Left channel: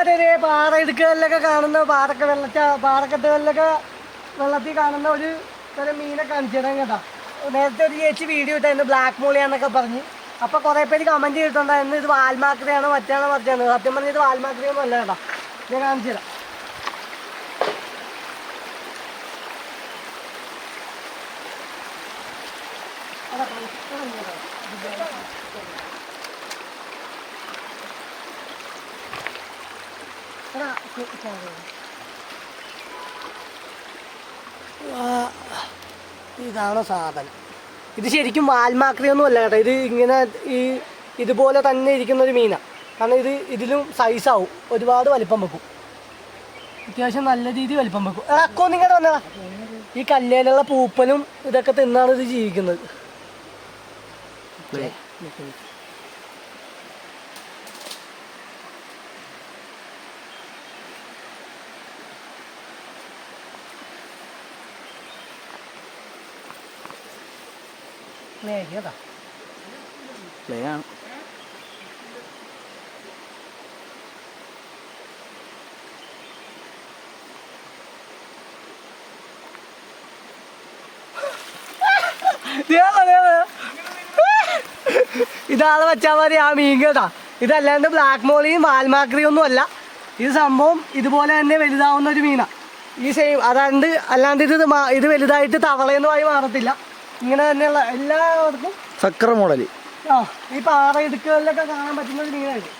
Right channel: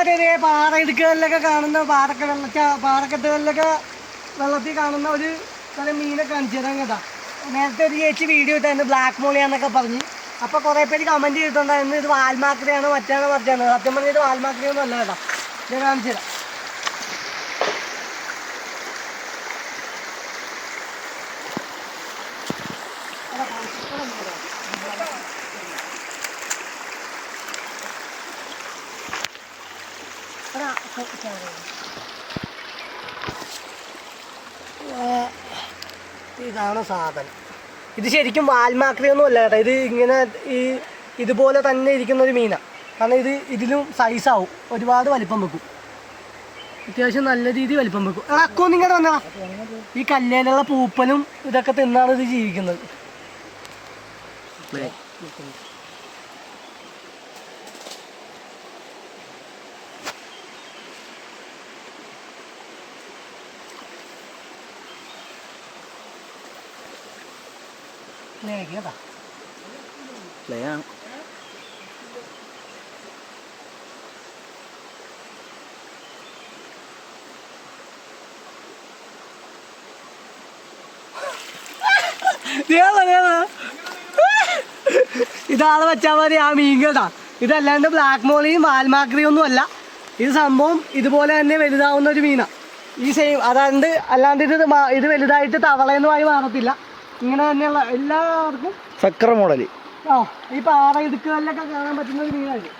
മറ്റേ പാറയിടുക്കുകളിലൊക്കെ കാണുന്ന പാറക്കെട്ടുകളിലൊക്കെ വെള്ളത്തിൽ കാണുന്ന ഒരു തരം മീനെ കാണിച്ചു തരാൻ കേട്ടോ. നേരത്തെ ഒരു ചേച്ചി വീഡിയോ ഇട്ടായിരുന്നു ബ്ലാക്ക് മോളിയാന്നൊക്കെ പറഞ്ഞ്. അപ്പോൾ കുറേ പേര് കമൻറ്റ് ചെയ്തിട്ടുണ്ടായിരുന്നു ഇത് വാൽമാക്രിയാണ് മറ്റാണ് മറിച്ചാണ്. സത്യം പറഞ്ഞാൽ ഇത് വാൽമാക്രിയൊന്നും അല്ല കേട്ടോ. ഞാൻ കാണിച്ചു തരാം. ഇതാണ് സാധനം. ഇത് ശരിക്കും വാൽമാക്രിയൊന്നും അല്ല കേട്ടോ. ഇത് ഇങ്ങനെ ഇതുപോലെ തന്നെ ഇരിക്കുന്നൊരു മീനാണ്. കാരണം ഇതിലും സൈസാവും, ഒരുപാട് വലിപ്പം വെക്കും, അത്യാവശ്യം നല്ല രീതിയിൽ വലിപ്പം വെക്കും. അക്കോ നിങ്ങളുടെ വന്നതാ. ഈ കല്ലേലുള്ള പൂപ്പലും ഇതൊക്കെ തിന്നാണ് ഇത് ജീവിക്കുന്നത്. കേട്ടാ പ്ലേയാണ്. ഇതാണ് വെച്ചാൽ മതി ആ മീൻ കേട്ടാ. ഇതല്ലാണ്ട് ബ്ലാക്ക് മോളിയും വാൽമാക്രിയും ഒന്നും അല്ല. ഇത് സംഭവം ഇതുപോലെ തന്നെ വലുതാവുന്ന ഒരു മീനാണ്. ഈ സെയിം അല്ലാണ്ട് ഇത് വലുതായിട്ട് തവളയെന്നുമായി മാറത്തില്ല. ഇങ്ങനെ തന്നെയുള്ള എല്ലാവർക്കും സക്ര മോഡൽ ഈ പാറയിടുക്കുകളിലൊക്കെ കാണാൻ പറ്റുന്ന ഒരു മീനായിരുന്നു.